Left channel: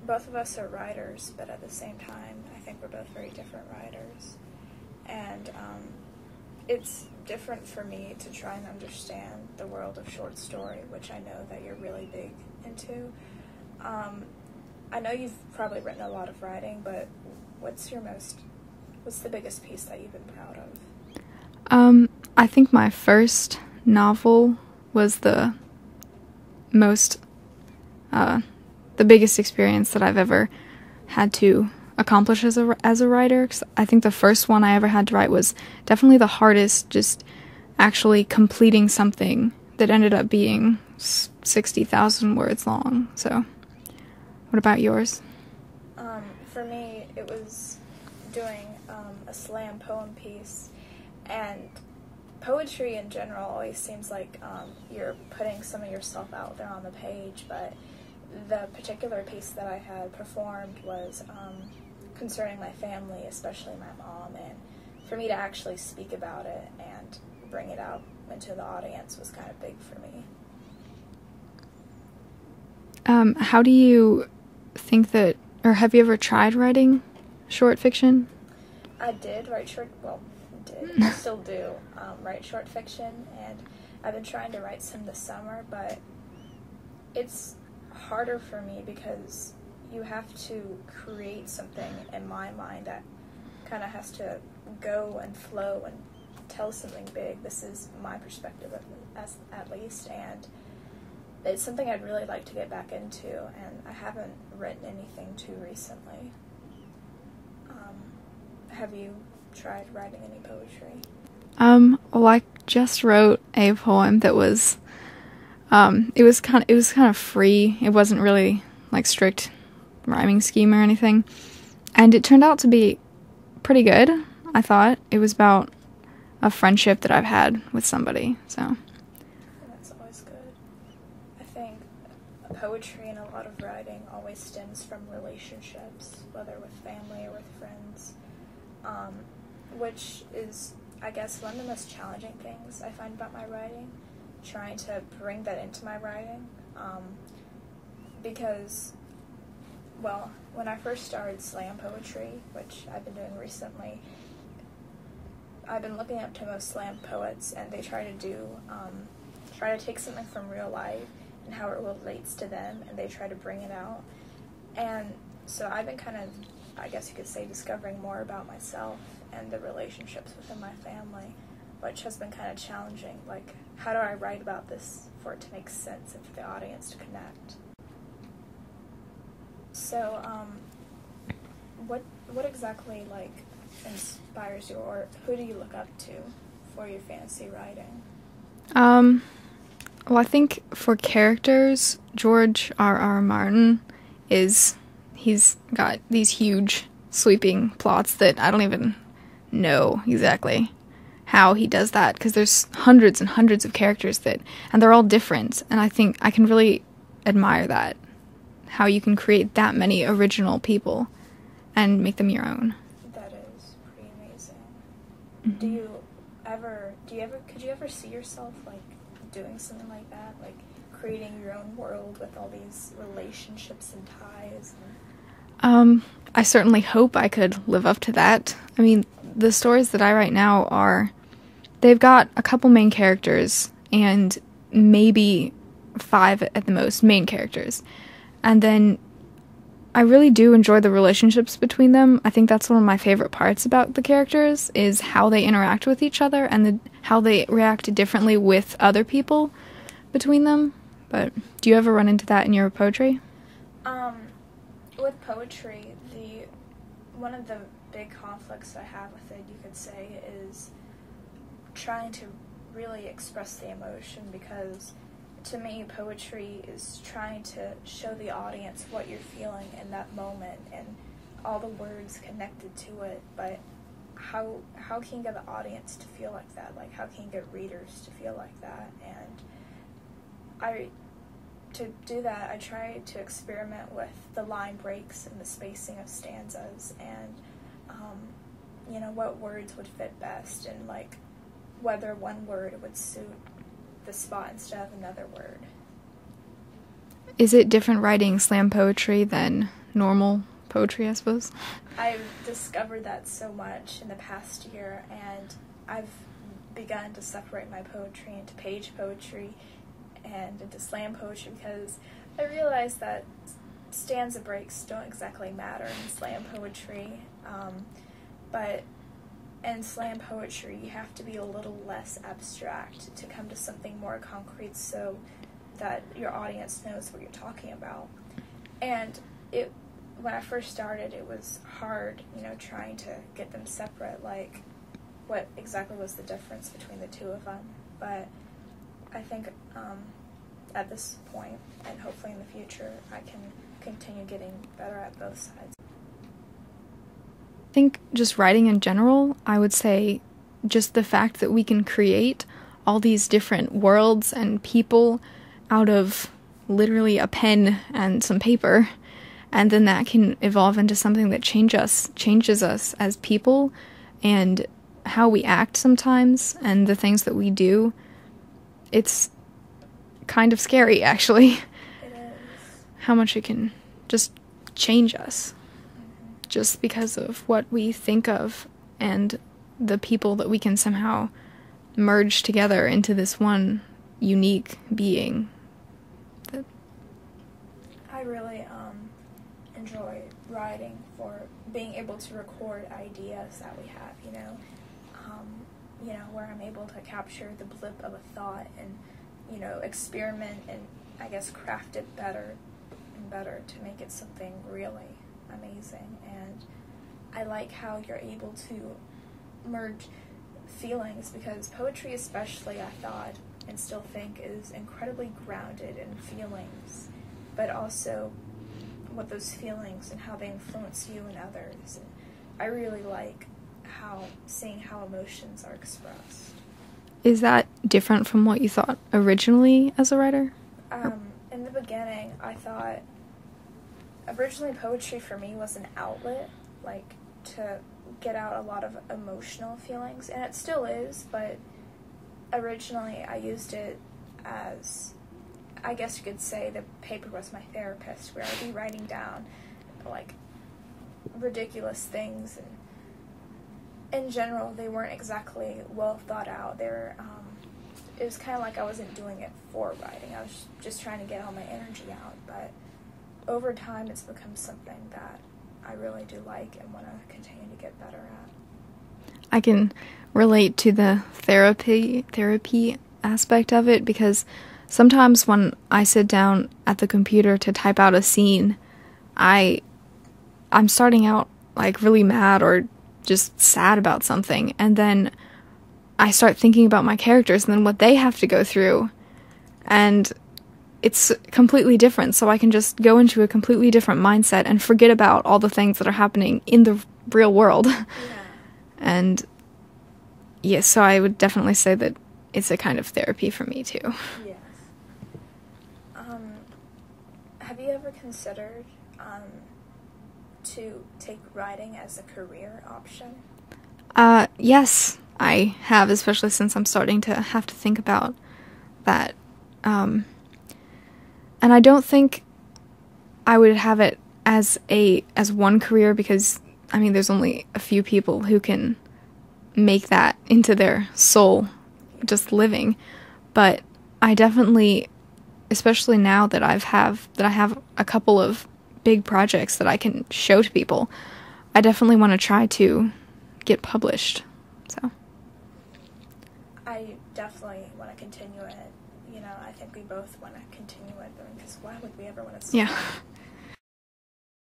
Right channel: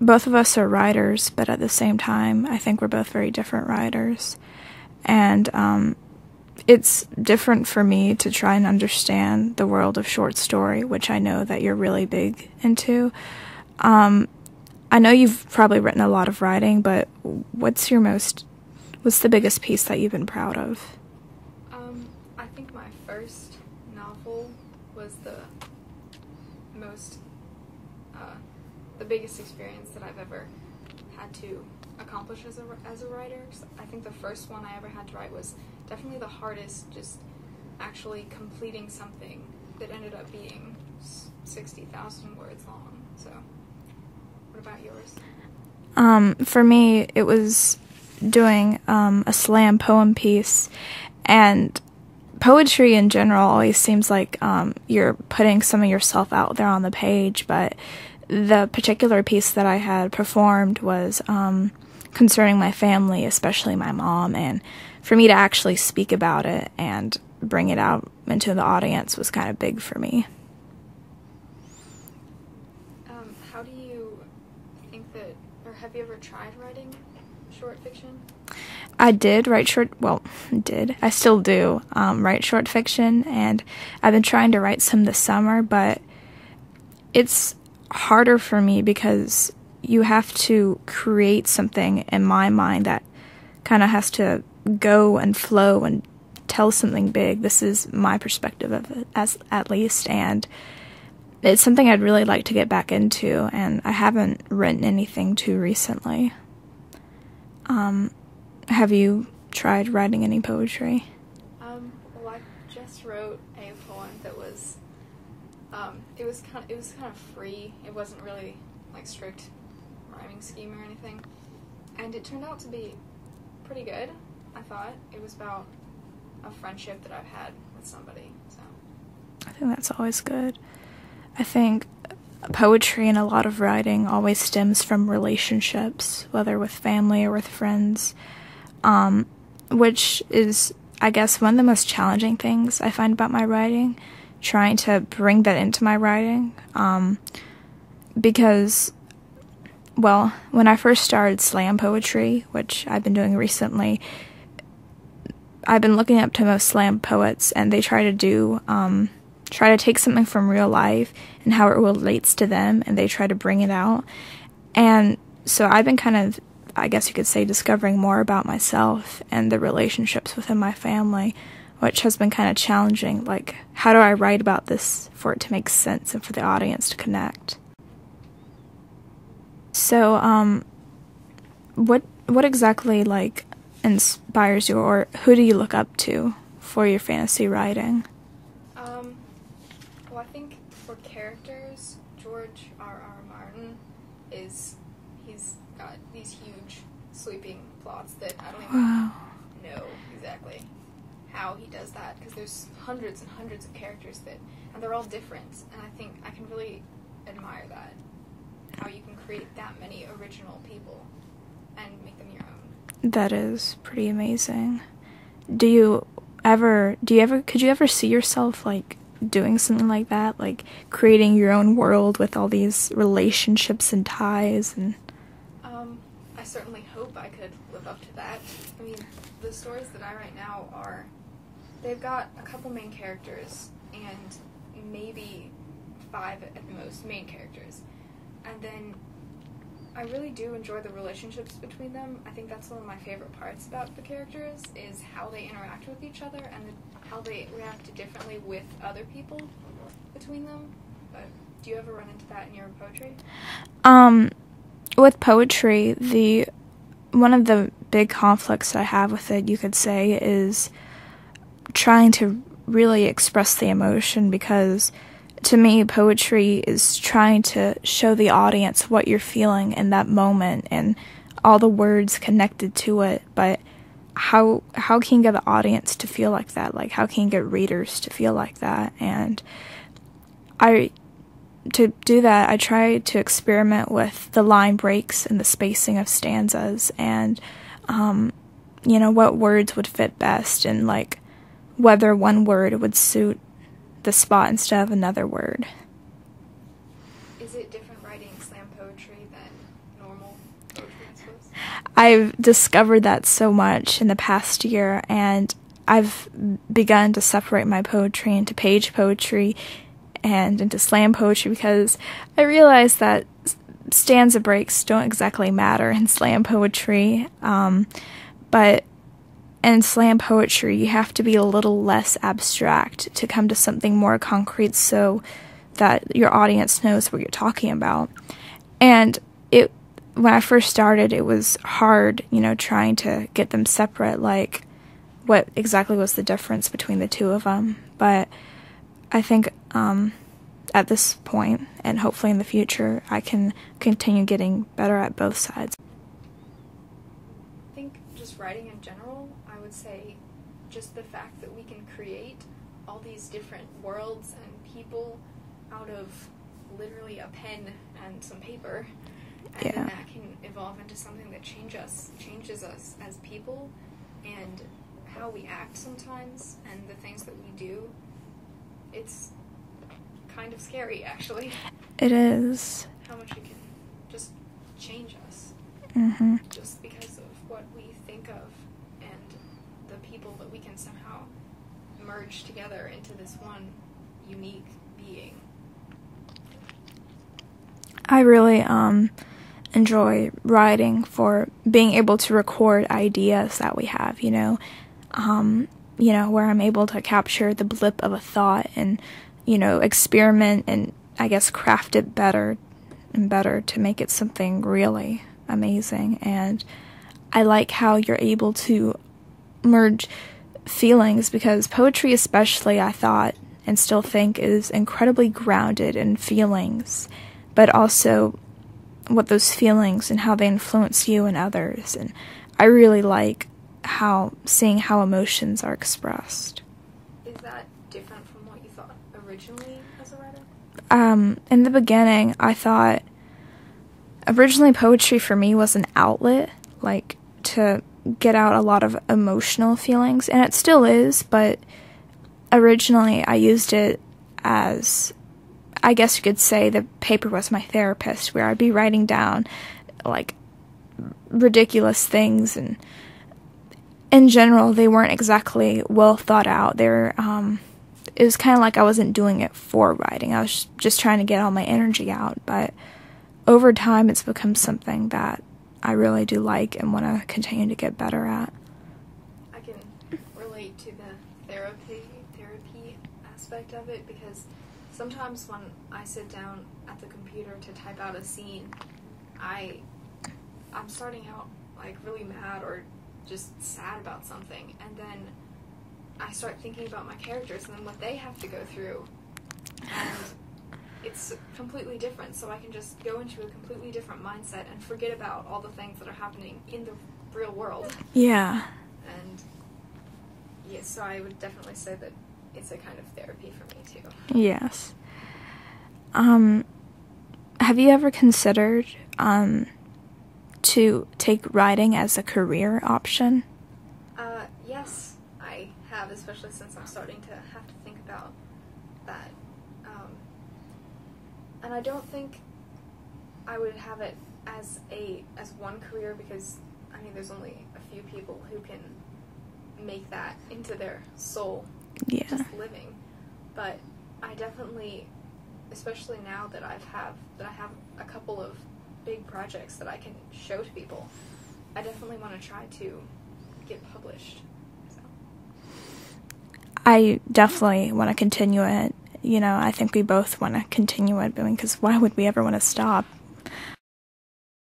both of us are writers, but at the same time, I think we're both very different writers. And it's different for me to try and understand the world of short story, which I know that you're really big into. I know you've probably written a lot of writing, but what's the biggest piece that you've been proud of? I think my first novel was the biggest experience that I've ever had to accomplish as a writer. 'Cause I think the first one I ever had to write was definitely the hardest, just actually completing something that ended up being 60,000 words long. So, what about yours? For me, it was doing a slam poem piece, and poetry in general always seems like you're putting some of yourself out there on the page, but the particular piece that I had performed was concerning my family, especially my mom, and for me to actually speak about it and bring it out into the audience was kind of big for me. How do you think that, or have you ever tried writing short fiction? I still do write short fiction, and I've been trying to write some this summer, but it's harder for me because you have to create something in my mind that kind of has to go and flow and tell something big. This is my perspective of it, at least, and it's something I'd really like to get back into, and I haven't written anything too recently. Have you tried writing any poetry? Well, I just wrote a poem that was, it was kind of free. It wasn't really like strict rhyming scheme or anything, and it turned out to be pretty good. I thought it was about a friendship that I've had with somebody. So, I think that's always good. I think poetry and a lot of writing always stems from relationships, whether with family or with friends. Which is, I guess, one of the most challenging things I find about my writing, trying to bring that into my writing, because, well, when I first started slam poetry, which I've been doing recently, I've been looking up to most slam poets, and they try to take something from real life and how it relates to them, and they try to bring it out, and so I've been kind of, I guess you could say, discovering more about myself and the relationships within my family, which has been kind of challenging. Like, how do I write about this for it to make sense and for the audience to connect? So, what exactly, like, inspires you, or who do you look up to for your fantasy writing? Well, I think for characters, George R.R. Martin he's got these huge, sweeping plots that I don't even know exactly how he does that, because there's hundreds and hundreds of characters and they're all different, and I think I can really admire that, how you can create that many original people and make them your own. That is pretty amazing. Could you ever see yourself, like, doing something like that, like creating your own world with all these relationships and ties? And I certainly hope I could live up to that. I mean, the stories that I write now they've got a couple main characters and maybe 5 at the most main characters, and then I really do enjoy the relationships between them. I think that's one of my favorite parts about the characters, is how they interact with each other and how they react differently with other people between them. But do you ever run into that in your poetry? With poetry, one of the big conflicts I have with it, you could say, is trying to really express the emotion, because to me, poetry is trying to show the audience what you're feeling in that moment and all the words connected to it, but how can you get the audience to feel like that? Like, how can you get readers to feel like that? And to do that, I try to experiment with the line breaks and the spacing of stanzas, and what words would fit best, and like whether one word would suit the spot instead of another word. Is it different writing slam poetry than normal poetry, I suppose. I've discovered that so much in the past year, and I've begun to separate my poetry into page poetry and into slam poetry, because I realize that stanza breaks don't exactly matter in slam poetry, but in slam poetry you have to be a little less abstract to come to something more concrete so that your audience knows what you're talking about. And when I first started, it was hard, trying to get them separate, like what exactly was the difference between the two of them. But I think at this point, and hopefully in the future, I can continue getting better at both sides. I think just writing in general, I would say just the fact that we can create all these different worlds and people out of literally a pen and some paper, and then that can evolve into something that changes us as people and how we act sometimes and the things that we do. It's kind of scary, actually. It is. How much it can just change us. Mm-hmm. Just because of what we think of and the people that we can somehow merge together into this one unique being. I really enjoy writing for being able to record ideas that we have, where I'm able to capture the blip of a thought and, experiment and, I guess, craft it better and better to make it something really amazing. And I like how you're able to merge feelings, because poetry especially, I thought and still think, is incredibly grounded in feelings, but also what those feelings and how they influence you and others. And I really like seeing how emotions are expressed. Is that different from what you thought originally as a writer? In the beginning, I thought originally poetry for me was an outlet, like to get out a lot of emotional feelings, and it still is, but originally I used it as, I guess you could say, the paper was my therapist, where I'd be writing down like ridiculous things, and in general they weren't exactly well thought out. It was kind of like I wasn't doing it for writing. I was just trying to get all my energy out, but over time it's become something that I really do like and want to continue to get better at. I can relate to the therapy aspect of it, because sometimes when I sit down at the computer to type out a scene, I'm starting out like really mad or just sad about something, and then I start thinking about my characters and then what they have to go through, and it's completely different, so I can just go into a completely different mindset and forget about all the things that are happening in the real world. Yeah. And yes, so I would definitely say that it's a kind of therapy for me too. Yes. Have you ever considered to take writing as a career option? Yes, I have, especially since I'm starting to have to think about that. And I don't think I would have it as one career, because there's only a few people who can make that into their soul, just living. But I definitely, especially now that I have a couple of big projects that I can show to people, I definitely want to try to get published. So I definitely want to continue it. I think we both want to continue it, because why would we ever want to stop?